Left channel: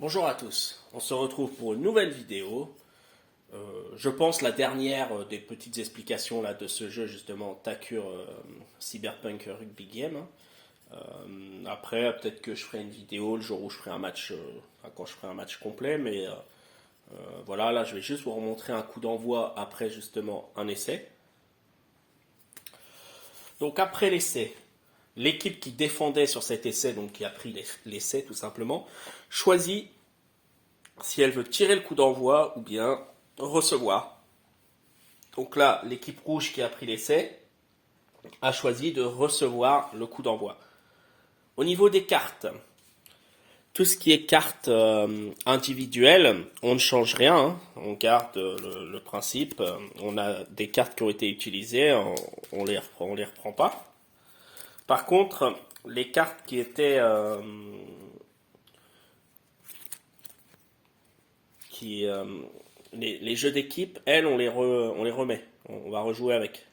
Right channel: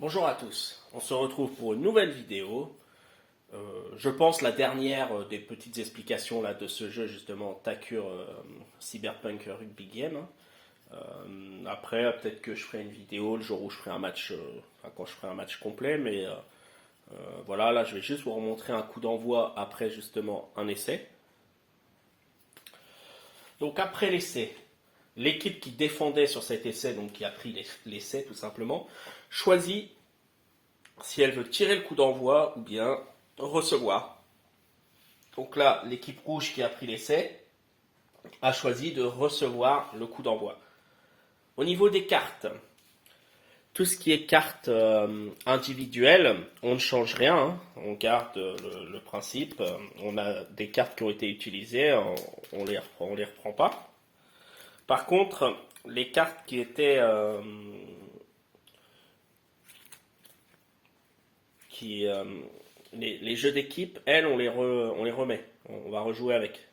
Bonjour à tous, on se retrouve pour une nouvelle vidéo. Je pense la dernière des petites explications là, de ce jeu justement Takure Cyberpunk Rugby Game. Après peut-être que je ferai une vidéo le jour où je ferai un match, quand je ferai un match complet, mais voilà, là je vais juste vous remontrer un coup d'envoi après justement un essai. Donc après l'essai, l'équipe qui défendait sur cet essai, donc qui a pris l'essai tout simplement, choisit si elle veut tirer le coup d'envoi ou bien recevoir. Donc là, l'équipe rouge qui a pris l'essai a choisi de recevoir le coup d'envoi. Au niveau des cartes, tout ce qui est cartes individuelles, on ne change rien, hein. On garde le principe. On a des cartes qui ont été utilisées, on les reprend pas. Par contre, les cartes qui étaient qui les jeux d'équipe, elles, on les remet. On va rejouer avec.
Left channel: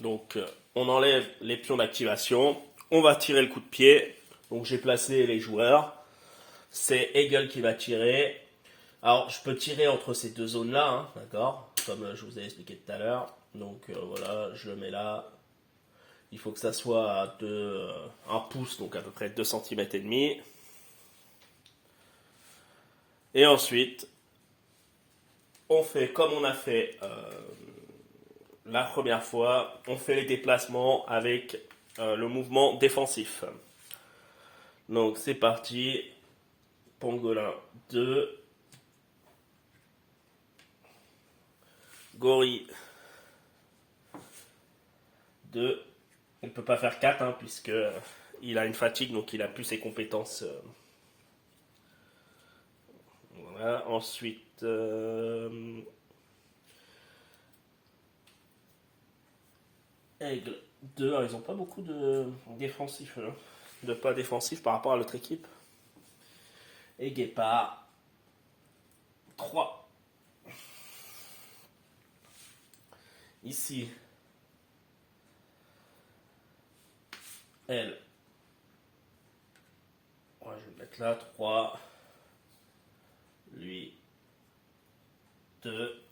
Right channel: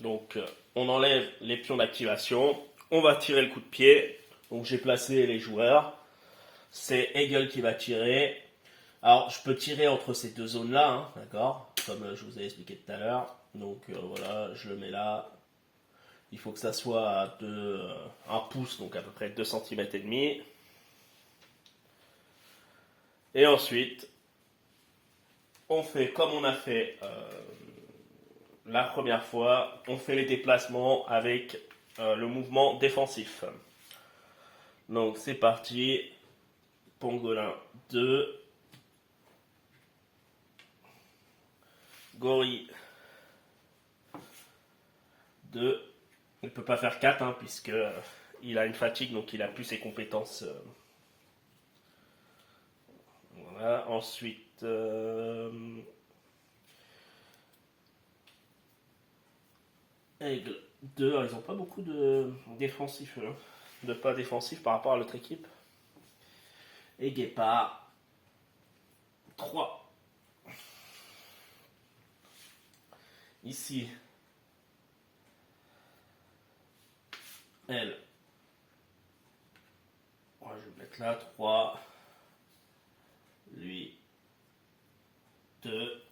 Donc, on enlève les pions d'activation. On va tirer le coup de pied. Donc, j'ai placé les joueurs. C'est Hegel qui va tirer. Alors, je peux tirer entre ces deux zones-là, hein, d'accord, comme je vous ai expliqué tout à l'heure. Donc, voilà, je le mets là. Il faut que ça soit à 1 pouce, donc à peu près 2 cm et demi. Et ensuite, on fait comme on a fait la première fois, on fait les déplacements avec le mouvement défensif. Donc c'est parti, pangolin 2, gorille 2, il ne peut pas faire 4 hein, puisque il a une fatigue, donc il a plus ses compétences. Voilà, ensuite aigle 2, alors, ils n'ont pas beaucoup de défensifs, hein, de pas défensifs par rapport à l'autre équipe. Et guépard 3. Ici, elle. Ouais, je vais le mettre là, 3. Lui, 2.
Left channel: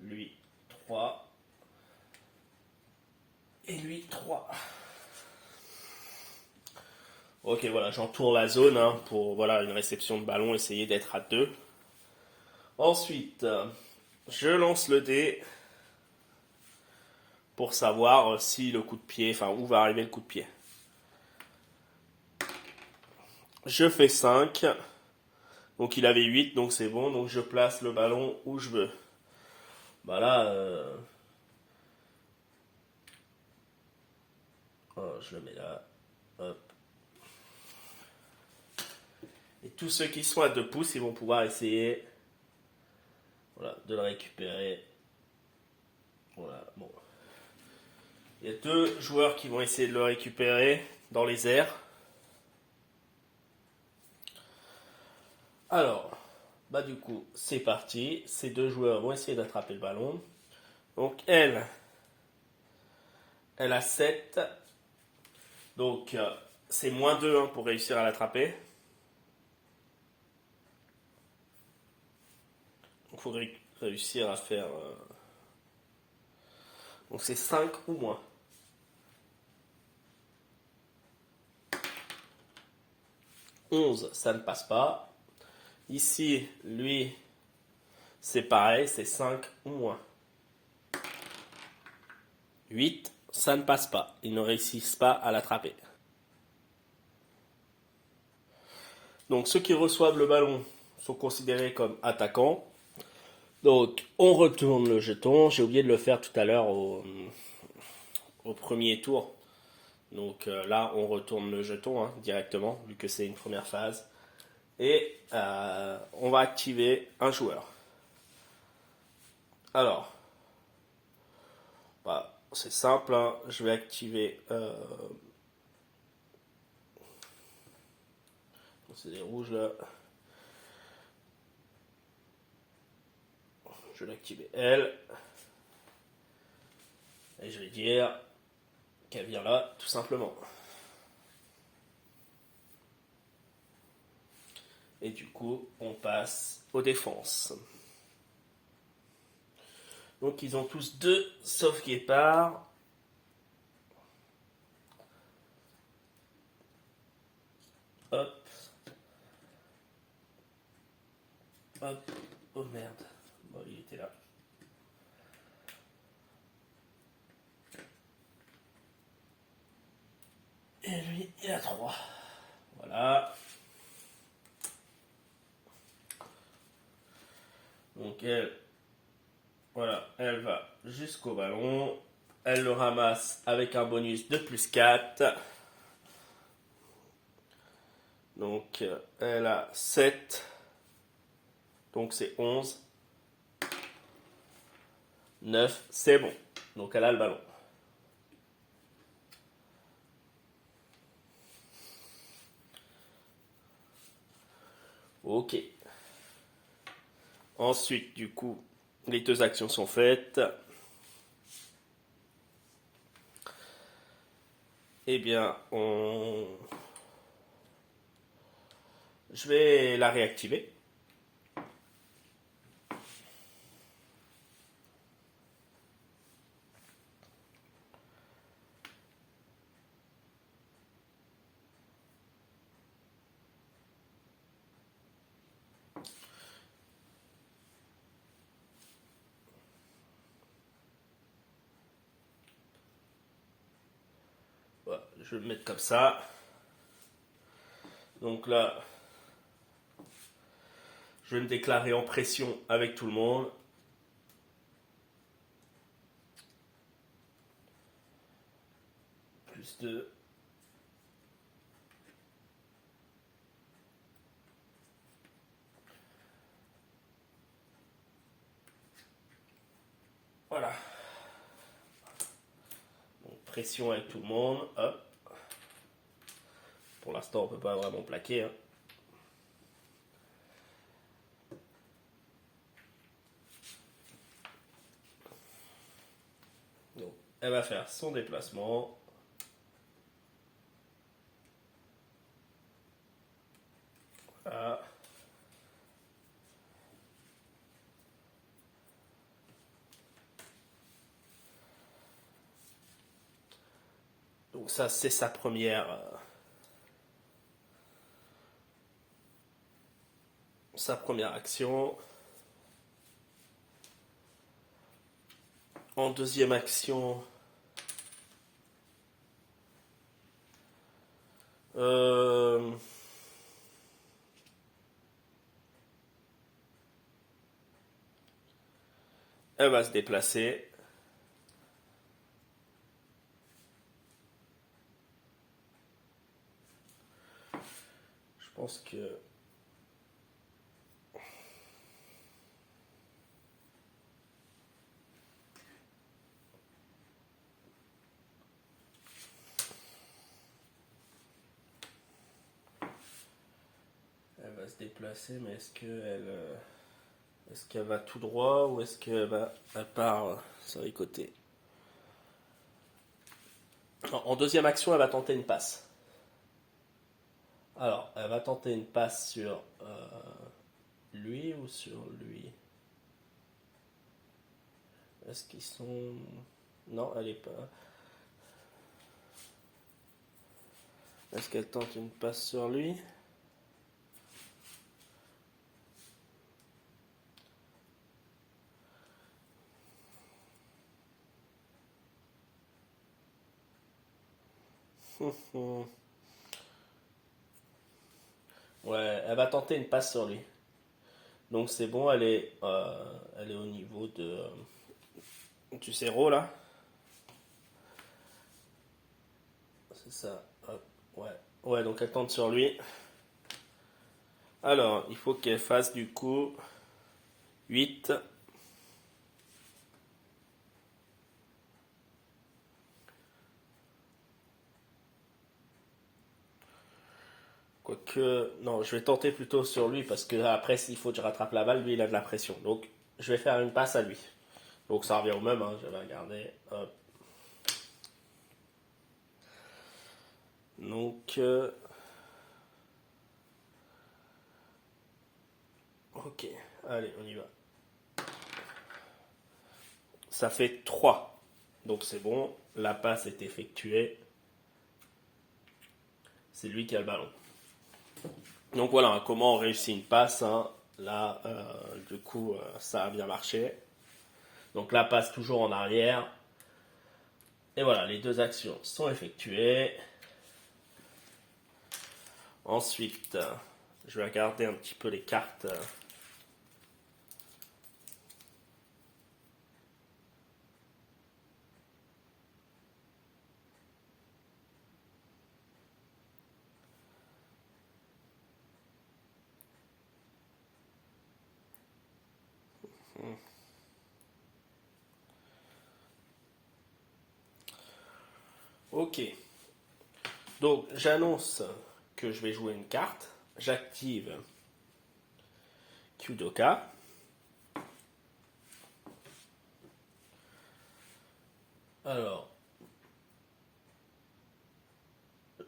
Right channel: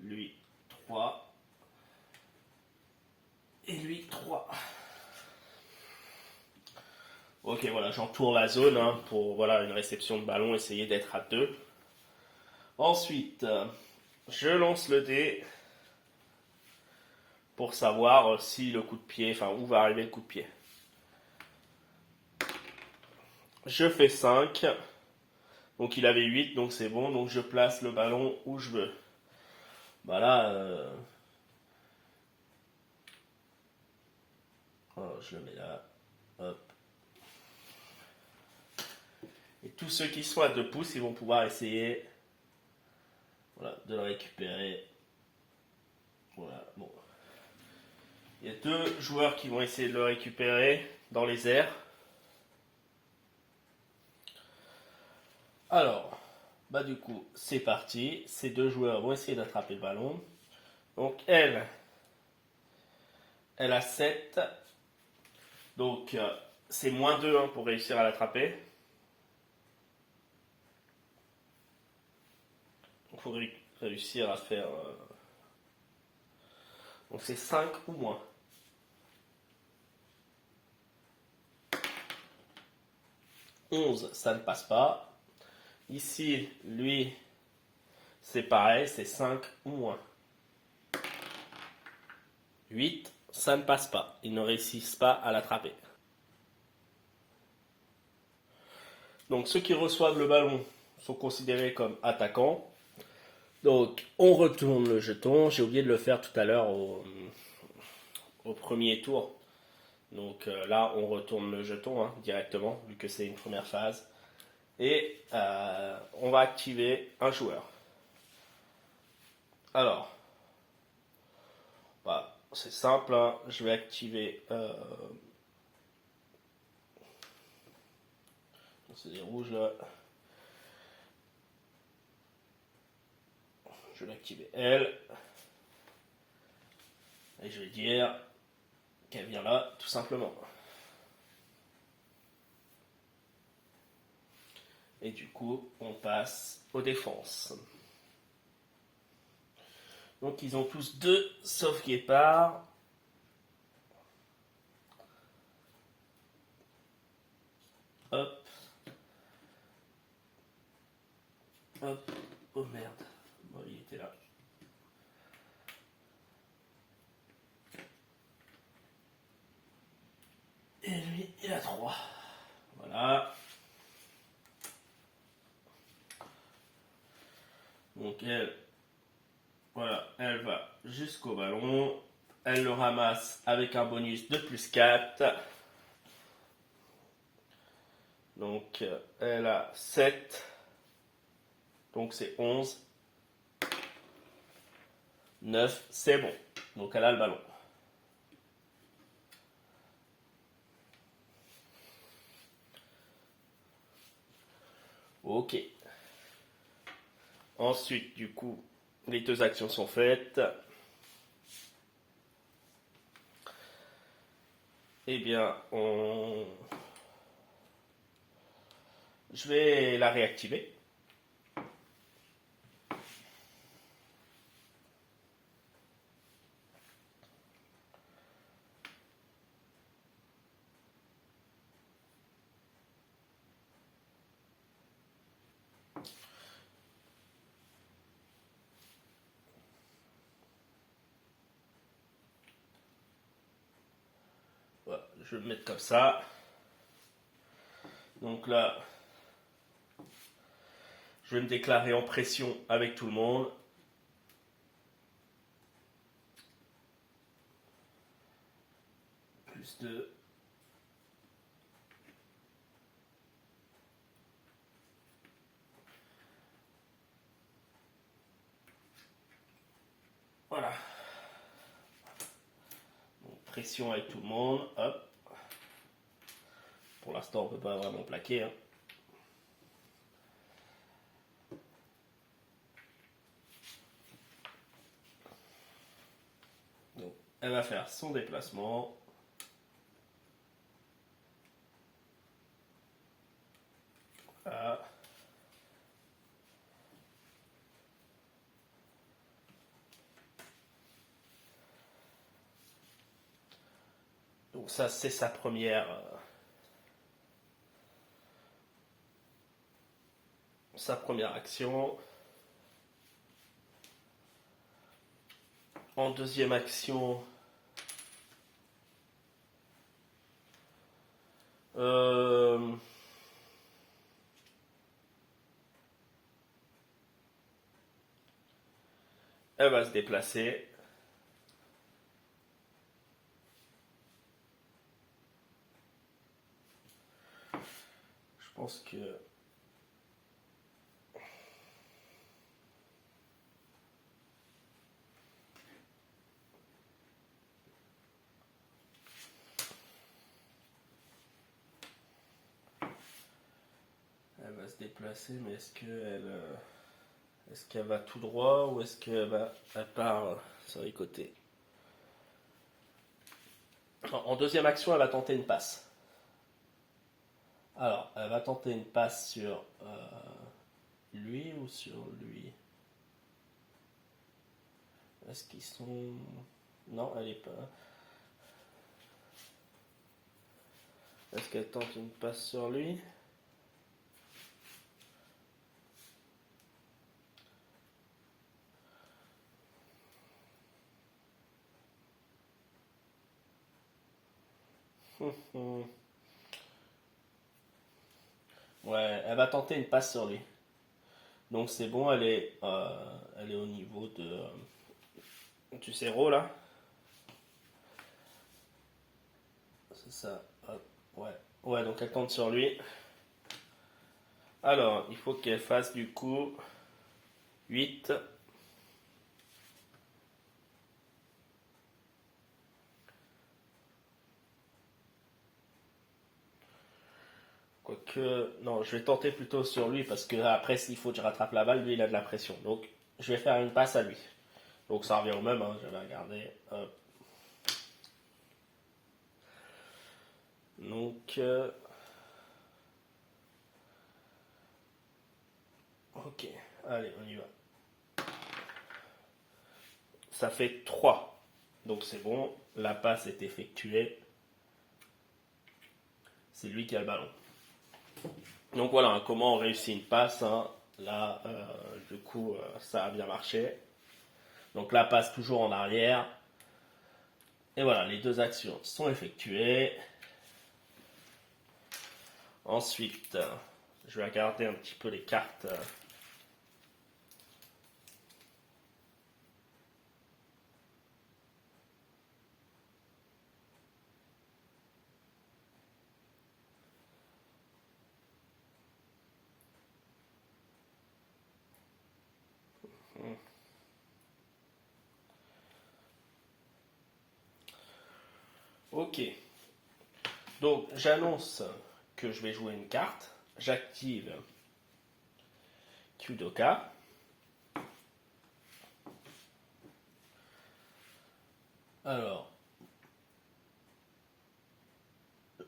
Lui, 3. Et lui, 3. Ok, voilà, j'entoure la zone hein, pour voilà, une réception de ballon, essayer d'être à 2. Ensuite, je lance le dé pour savoir si le coup de pied, enfin où va arriver le coup de pied. Je fais 5. Donc il avait 8, donc c'est bon. Donc je place le ballon où je veux. Bah là, je le mets là. Hop. Et tous ceux qui sont à 2 pouces, ils vont pouvoir essayer voilà, de le récupérer. Voilà, bon. Il y a 2 joueurs qui vont essayer de le récupérer dans les airs. Alors, bah du coup, c'est parti. Ces 2 joueurs vont essayer d'attraper le ballon. Donc elle a 7. Donc c'est moins 2 hein, pour réussir à l'attraper. Il faudrait réussir à faire... Donc c'est 5 ou moins. 11, ça ne passe pas. Ici, lui, c'est pareil, c'est 5 ou moins. 8, ça ne passe pas. Ils ne réussissent pas à l'attraper. Donc ceux qui reçoivent le ballon sont considérés comme attaquants. Donc on retourne le jeton. J'ai oublié de le faire tout à l'heure au premier tour. Donc là, on retourne le jeton hein, directement, vu que c'est une première phase. Et on va activer un joueur. Alors, bah, c'est simple, hein. Je vais activer... c'est des rouges là. Je vais activer elle. Et je vais dire qu'elle vient là, tout simplement. Et du coup, on passe aux défenses. Donc ils ont tous 2 sauf Guépard. Hop. Hop. Oh merde. Bon, il était là. Et lui, il a 3. Voilà. Donc elle, voilà, elle va jusqu'au ballon. Elle le ramasse avec un bonus de plus 4. Donc elle a 7. Donc c'est 11. 9, c'est bon. Donc elle a le ballon. Ok. Ensuite, du coup, les 2 actions sont faites. Eh bien, je vais la réactiver. Voilà, je vais le mettre comme ça. Donc là, je vais me déclarer en pression avec tout le monde. Plus 2. Voilà. Donc, pression avec tout le monde. Hop. Pour l'instant, on ne peut pas vraiment plaquer. Hein. Donc, elle va faire son déplacement. Voilà. Donc ça, c'est sa première action. En deuxième action, elle va se déplacer. Je pense que elle va se déplacer, mais est-ce qu'elle va tout droit ou est-ce qu'elle part sur les côtés? En deuxième action, elle va tenter une passe. Alors, elle va tenter une passe sur lui ou sur lui? Est-ce qu'ils sont... Non, elle est pas... Est-ce qu'elle tente une passe sur lui? Ouais, elle va tenter une passe sur lui. Donc c'est bon, elle est au niveau de du 0 là. C'est ça. Hop, ouais. Ouais, donc elle tente sur lui. Alors, il faut qu'elle fasse du coup 8. Quoique, non, je vais tenter plutôt sur lui parce que après, s'il faut que je rattrape la balle, lui il a de la pression. Donc, je vais faire une passe à lui. Donc, ça revient au même, hein, je vais regarder. Hop. Donc, Ok, allez, on y va. Ça fait 3. Donc c'est bon, la passe est effectuée. C'est lui qui a le ballon. Donc voilà, comment on réussit une passe. Hein. Là, du coup, ça a bien marché. Donc la passe toujours en arrière. Et voilà, les deux actions sont effectuées. Ensuite, je vais regarder un petit peu les cartes. Ok. Donc j'annonce que je vais jouer une carte. J'active Qdoka. Alors,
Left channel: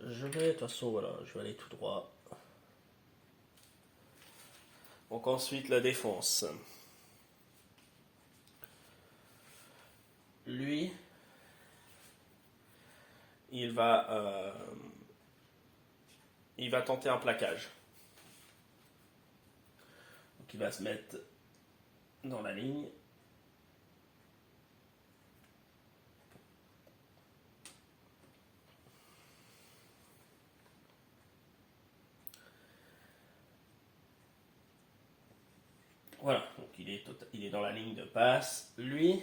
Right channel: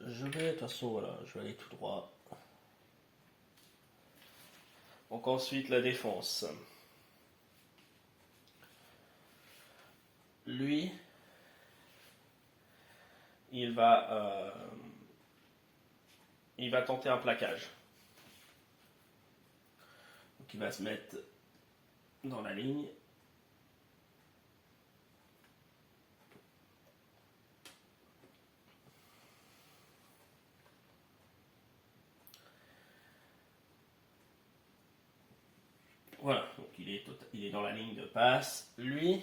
je vais, de toute façon, voilà, je vais aller tout droit. Donc ensuite, la défense. Lui, il va tenter un plaquage. Donc il va se mettre dans la ligne. Voilà, donc il est dans la ligne de passe. Lui,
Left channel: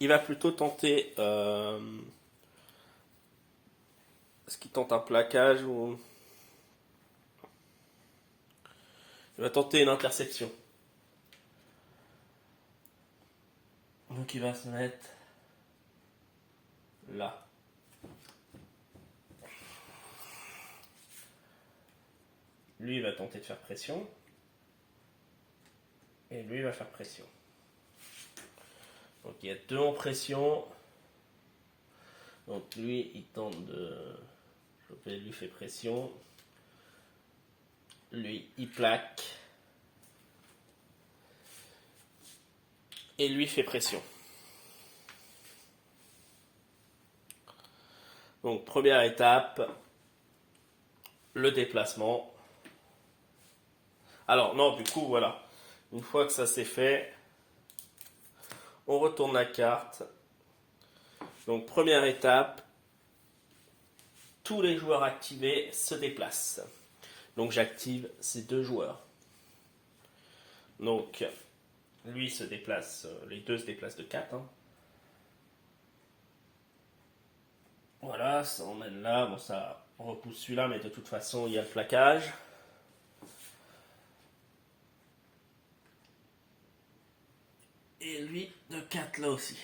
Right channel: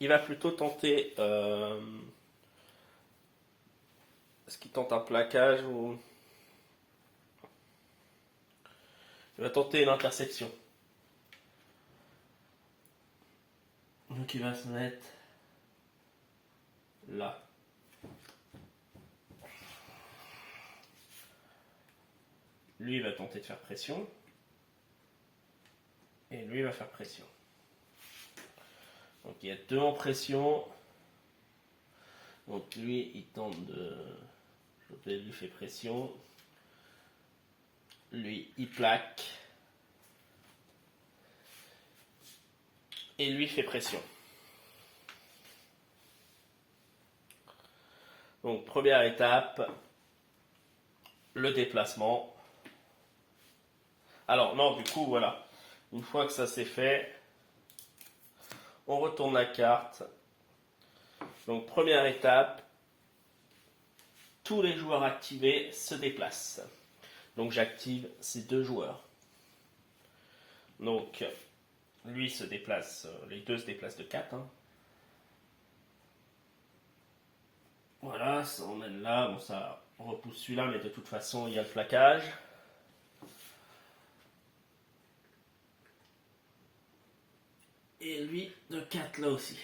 il va plutôt tenter... est-ce qu'il tente un plaquage ou... Il va tenter une interception. Donc il va se mettre là. Lui, il va tenter de faire pression. Et lui, il va faire pression. Donc il y a deux en pression. Donc lui, il tente de... Lui fait pression. Lui, il plaque. Et lui fait pression. Donc première étape, le déplacement. Alors non, du coup, voilà. Une fois que ça c'est fait, on retourne la carte. Donc première étape, tous les joueurs activés se déplacent. Donc j'active ces deux joueurs. Donc lui se déplace, les deux se déplacent de 4. Hein. Voilà, ça emmène là. Bon, ça repousse celui-là, mais de toute façon, il y a le plaquage. Et lui de 4 là aussi.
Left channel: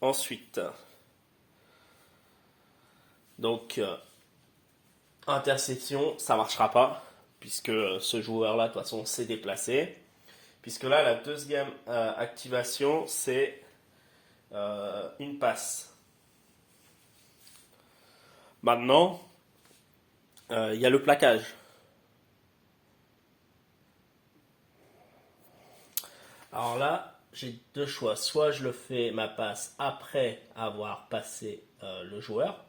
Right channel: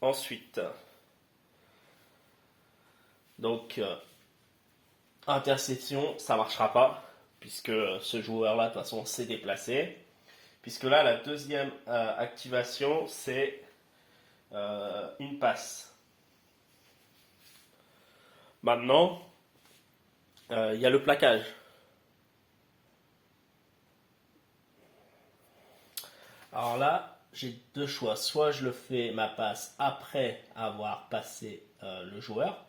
Ensuite, donc, interception, ça ne marchera pas, puisque ce joueur-là, de toute façon, s'est déplacé. Puisque là, la deuxième activation, c'est une passe. Maintenant, il y a le plaquage. Alors là, j'ai deux choix. Soit je le fais ma passe après avoir passé le joueur,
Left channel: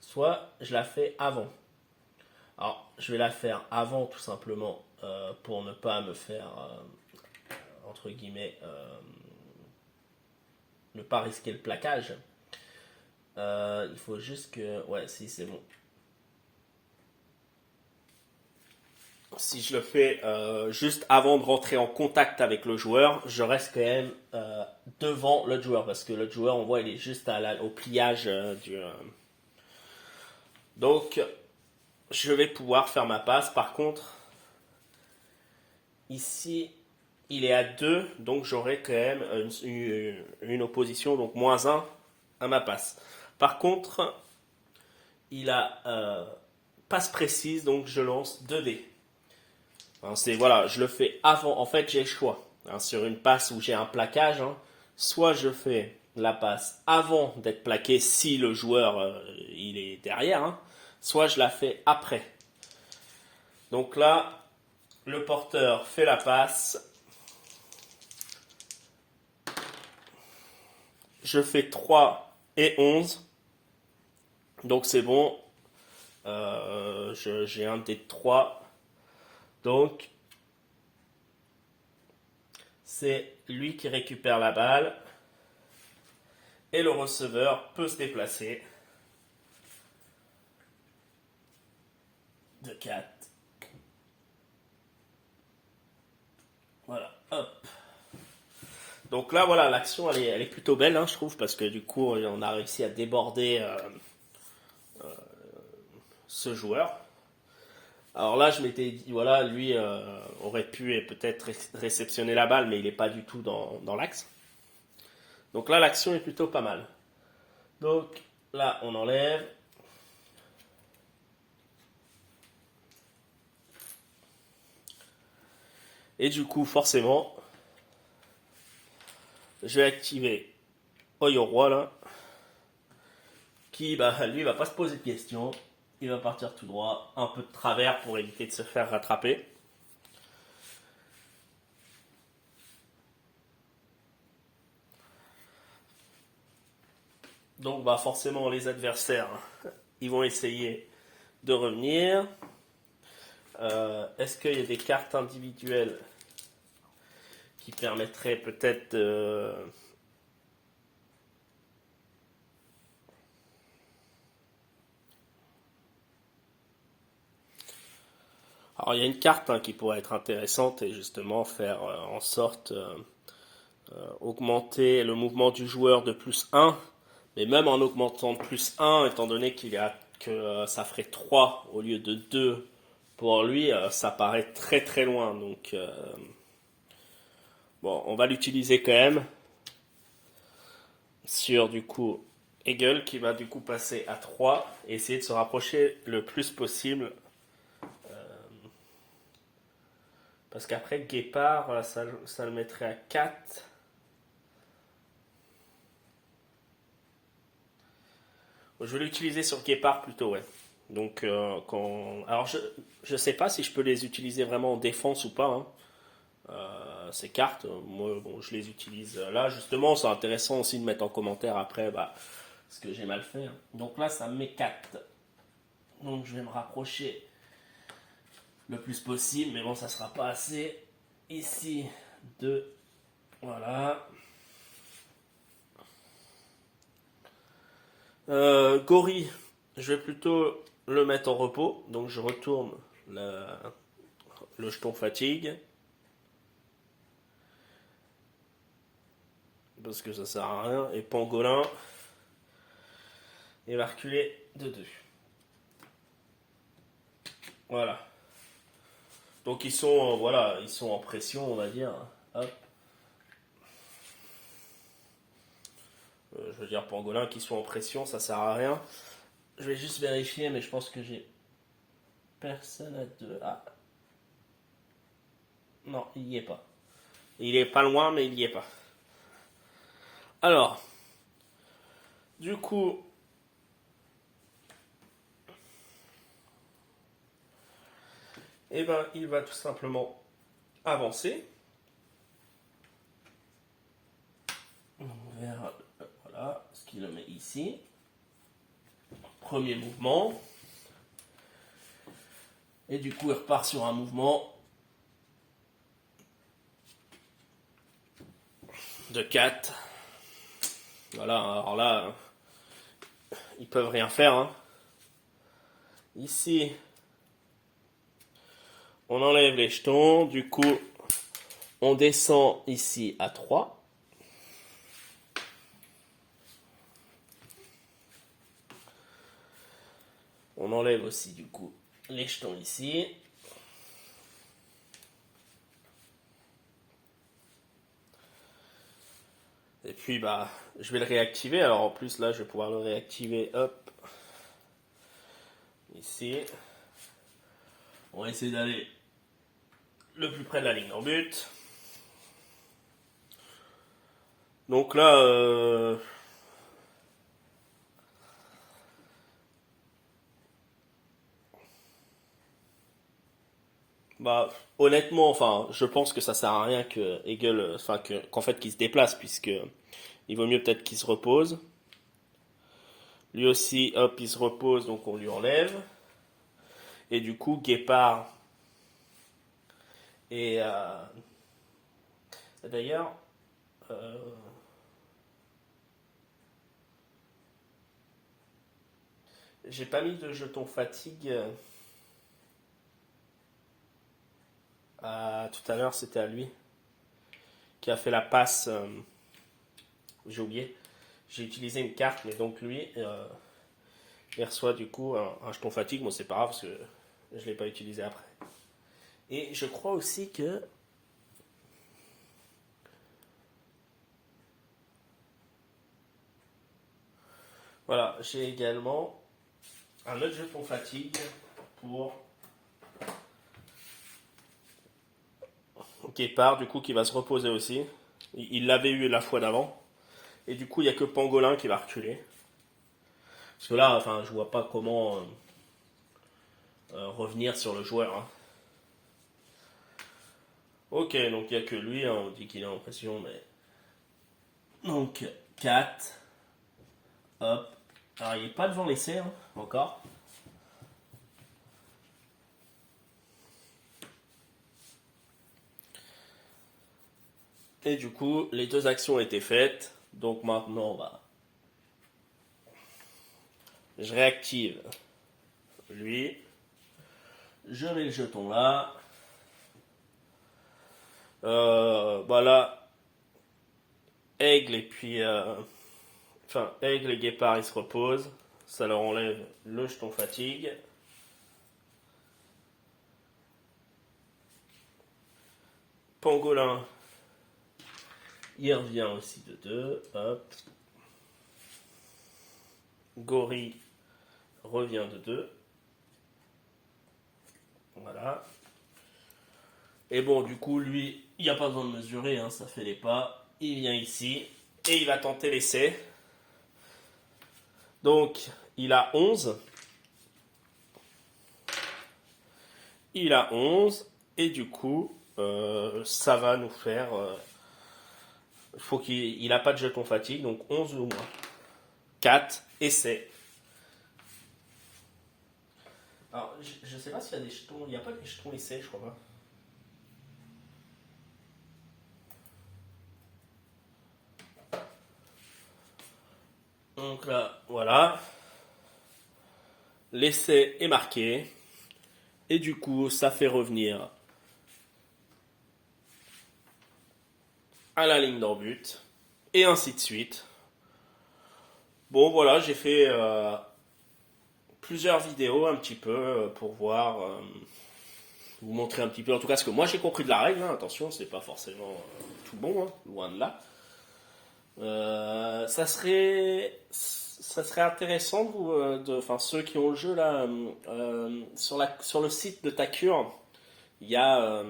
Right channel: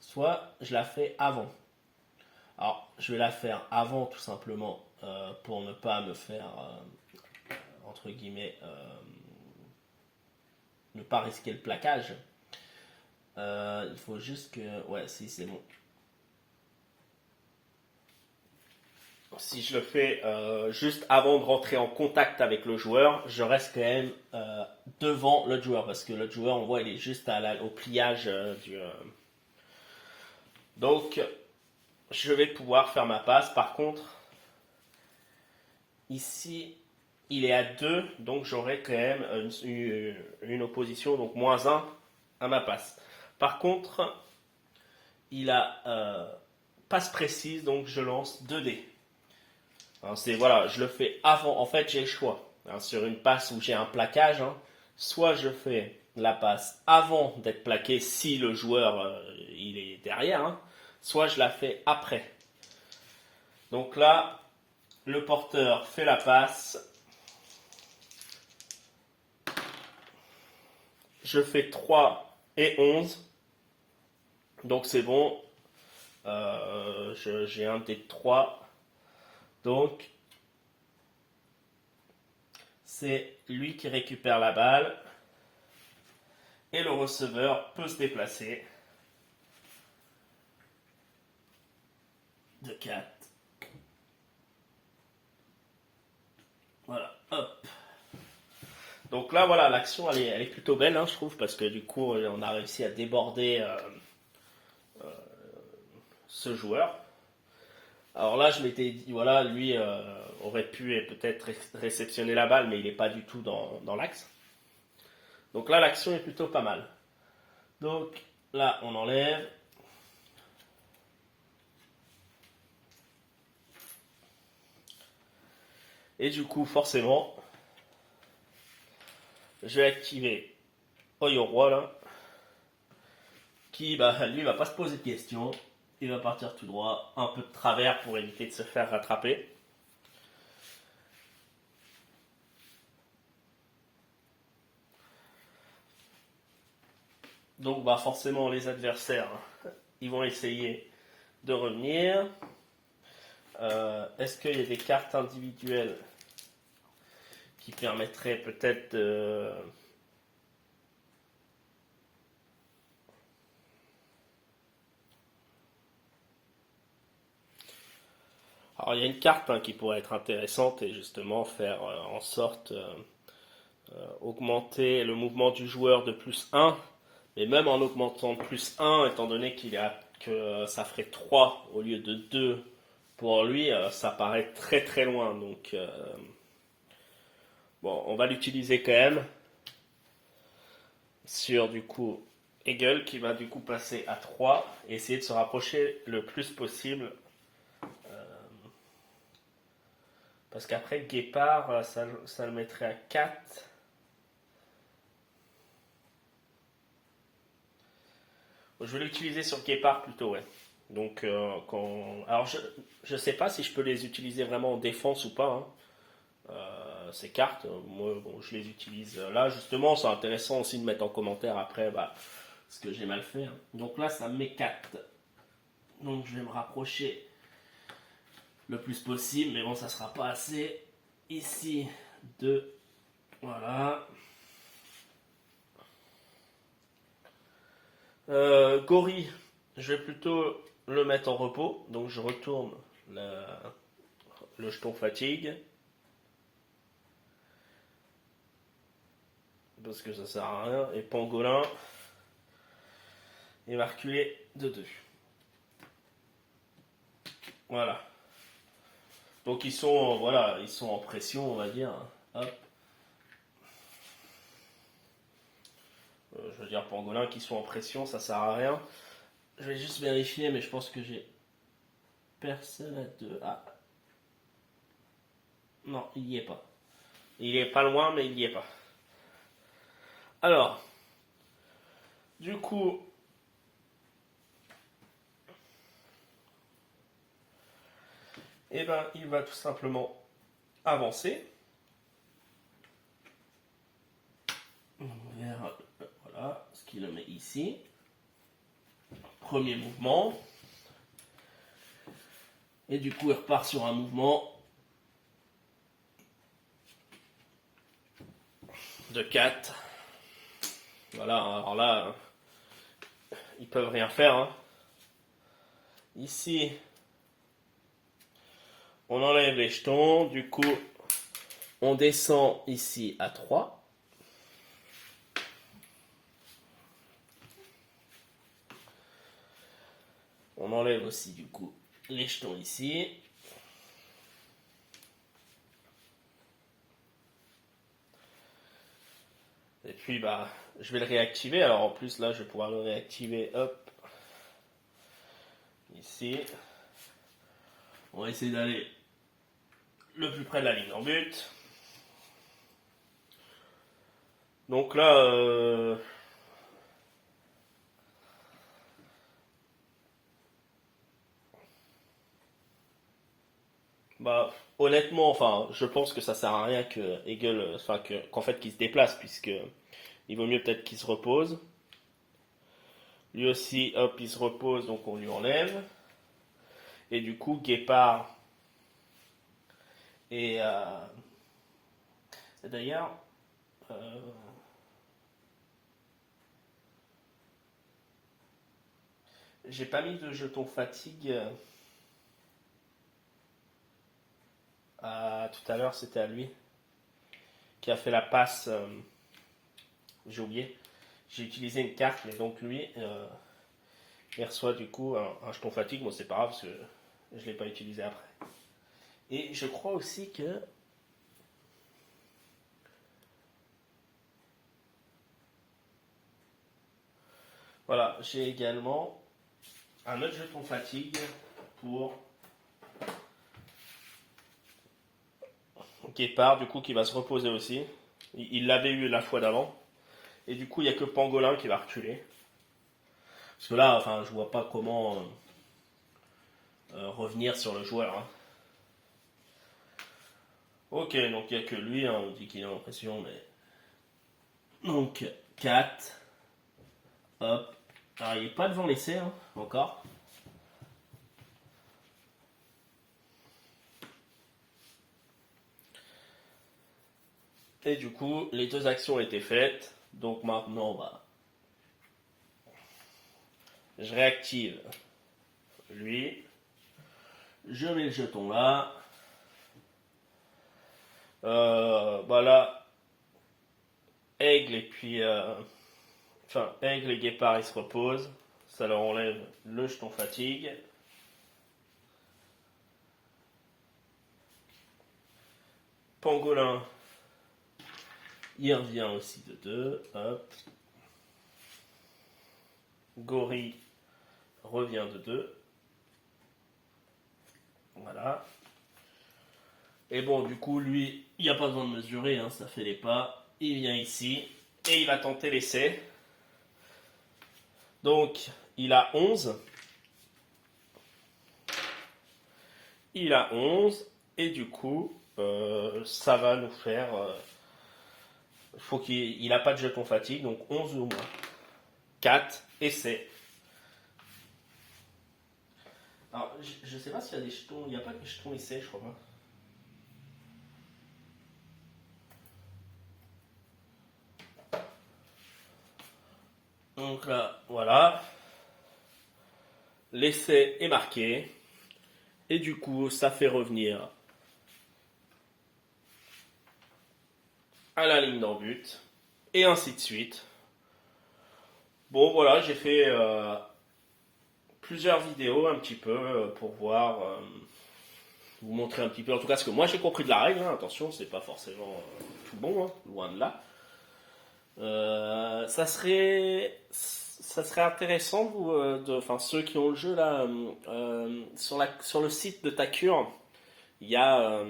soit je la fais avant. Alors, je vais la faire avant tout simplement pour ne pas me faire, entre guillemets, ne pas risquer le plaquage. Il faut juste que... Ouais, si, c'est bon. Si je le fais juste avant de rentrer en contact avec le joueur, je reste quand même devant l'autre joueur. Parce que l'autre joueur, on voit, il est juste au pliage du... Donc, je vais pouvoir faire ma passe. Par contre, ici, il est à 2, donc j'aurai quand même une opposition, donc -1 à ma passe. Par contre, il a passe précise, donc je lance 2 dés. Hein, voilà, je le fais avant. En fait, j'ai le choix. Hein, sur une passe où j'ai un plaquage, hein, soit je fais la passe avant d'être plaqué si le joueur il est derrière, hein, soit je la fais après. Donc là, le porteur fait la passe. Je fais 3 et 11. Donc c'est bon. J'ai un des 3. Donc c'est lui qui récupère la balle. Et le receveur peut se déplacer. De 4. Voilà, hop. Donc là, voilà, l'action, elle est plutôt belle, hein, je trouve, parce que du coup, on a réussi à déborder ce joueur. Alors là, je m'étais dit, voilà, lui aurait pu peut-être réceptionner la balle, mais il n'est pas du tout dans l'axe. Donc là, l'action est plutôt pas mal. Donc là, on enlève. Et du coup, forcément, je vais activer Oyo Roi, là, qui, lui, va pas se poser de questions. Il va partir tout droit, un peu de travers pour éviter de se faire rattraper. Donc forcément les adversaires, ils vont essayer de revenir. Est-ce qu'il y a des cartes individuelles qui permettraient peut-être de... Alors il y a une carte qui pourrait être intéressante et justement faire en sorte augmenter le mouvement du joueur de plus 1. Mais même en augmentant de plus 1, étant donné que ça ferait 3 au lieu de 2 pour lui, ça paraît très très loin. Donc, bon, on va l'utiliser quand même sur du coup Hegel qui va du coup passer à 3 et essayer de se rapprocher le plus possible. Parce qu'après Guépard, ça le mettrait à 4. Je vais l'utiliser sur Guépard plutôt, ouais. Donc, alors je sais pas si je peux les utiliser vraiment en défense ou pas, hein. Ces cartes, moi, bon, je les utilise là. Justement, c'est intéressant aussi de mettre en commentaire après ce que j'ai mal fait, hein. Donc là, ça me met 4. Donc je vais me rapprocher le plus possible, mais bon, ça sera pas assez. Ici, 2. Voilà. Gori, je vais plutôt le mettre en repos. Donc je retourne le jeton fatigue. Parce que ça sert à rien. Et Pangolin, il va reculer de 2. Voilà. Donc ils sont, voilà, ils sont en pression, on va dire. Hop. Je veux dire Pangolin qui sont en pression, ça sert à rien. Je vais juste vérifier, mais je pense que j'ai personne à 2. Ah. Non, il n'y est pas. Il est pas loin, mais il n'y est pas. Alors, du coup, eh ben, il va tout simplement avancer vers, voilà, ce qu'il le met ici. Premier mouvement. Et du coup, il repart sur un mouvement de 4. Voilà, alors là, ils peuvent rien faire, hein. Ici, on enlève les jetons. Du coup, on descend ici à 3. On enlève aussi du coup les jetons ici. Et puis je vais le réactiver. Alors en plus là je vais pouvoir le réactiver. Hop. Ici. On va essayer d'aller le plus près de la ligne en but. Donc là Bah, honnêtement, enfin, je pense que ça sert à rien que Hegel, enfin, qu'en fait, qu'il se déplace, puisque il vaut mieux peut-être qu'il se repose. Lui aussi, hop, il se repose, donc on lui enlève. Et du coup, Guépard et d'ailleurs, euh, j'ai pas mis de jeton fatigue. Tout à l'heure, c'était à lui qui a fait la passe. J'ai oublié. J'ai utilisé une carte, mais donc lui, il reçoit du coup un jeton fatigue. Bon, c'est pas grave parce que je ne l'ai pas utilisé après. Et je crois aussi que. Voilà, j'ai également un autre jeton fatigue pour Guépard, du coup, qui va se reposer aussi. Il l'avait eu la fois d'avant. Et du coup, il n'y a que Pangolin qui va reculer. Parce que là, enfin, je vois pas comment revenir sur le joueur, hein. Ok, donc il n'y a que lui, hein, on dit qu'il a l'impression, mais. Donc, 4. Hop. Alors, il n'est pas devant l'essai, hein, encore. Et du coup, les deux actions ont été faites. Donc maintenant, je réactive lui. Je mets le jeton là. Voilà. Aigle et puis. Enfin, Aigle et Guépard, ils se reposent. Ça leur enlève le jeton fatigue. Pangolin, il revient aussi de 2. Hop. Gorille revient de 2. Voilà. Et bon, du coup, lui, il n'y a pas besoin de mesurer, hein, ça fait les pas. Il vient ici et il va tenter l'essai. Donc, il a 11. Il a 11. Et du coup, ça va nous faire. Faut qu'il n'a pas de jeton fatigue, donc 11 ou moins. 4, essai. Alors, je ne sais pas s'il y a des jetons. Il n'y a pas des jetons essai, je crois pas. Donc là, voilà. L'essai est marqué. Et du coup, ça fait revenir à la ligne d'en but. Et ainsi de suite. Bon, voilà, j'ai fait plusieurs vidéos un petit peu pour voir, vous montrer un petit peu, en tout cas ce que moi j'ai compris de la règle, hein. Attention, c'est pas forcément tout bon, hein, loin de là. Ça serait intéressant, vous, enfin ceux qui ont le jeu là, sur le site de Takure, il y a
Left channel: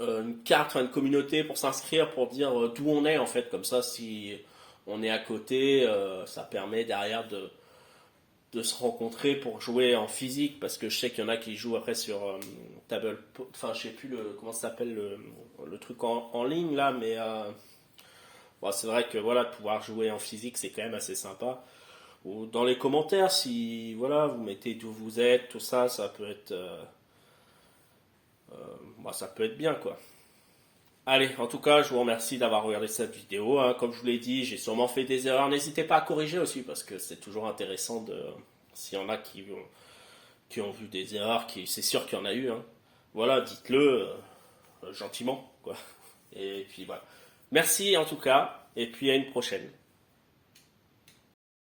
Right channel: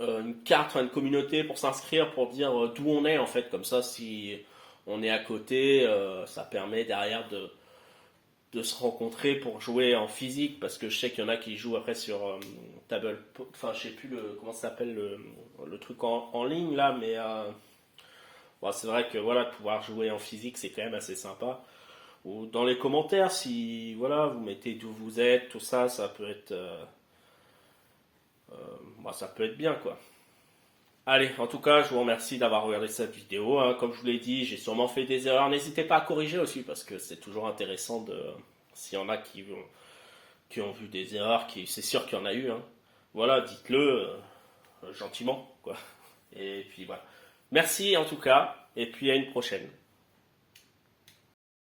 une carte, une communauté pour s'inscrire, pour dire d'où on est en fait, comme ça si on est à côté, ça permet derrière de se rencontrer pour jouer en physique, parce que je sais qu'il y en a qui jouent après sur table, enfin je sais plus comment ça s'appelle le truc en ligne là, mais bon, c'est vrai que voilà, de pouvoir jouer en physique c'est quand même assez sympa. Ou dans les commentaires, si voilà, vous mettez d'où vous êtes, tout ça, ça peut être, ça peut être bien quoi. Allez, en tout cas, je vous remercie d'avoir regardé cette vidéo, hein. Comme je vous l'ai dit, j'ai sûrement fait des erreurs. N'hésitez pas à corriger aussi, parce que c'est toujours intéressant de. S'il y en a qui ont vu des erreurs, c'est sûr qu'il y en a eu, hein. Voilà, dites-le gentiment, quoi. Et puis voilà. Merci en tout cas, et puis à une prochaine.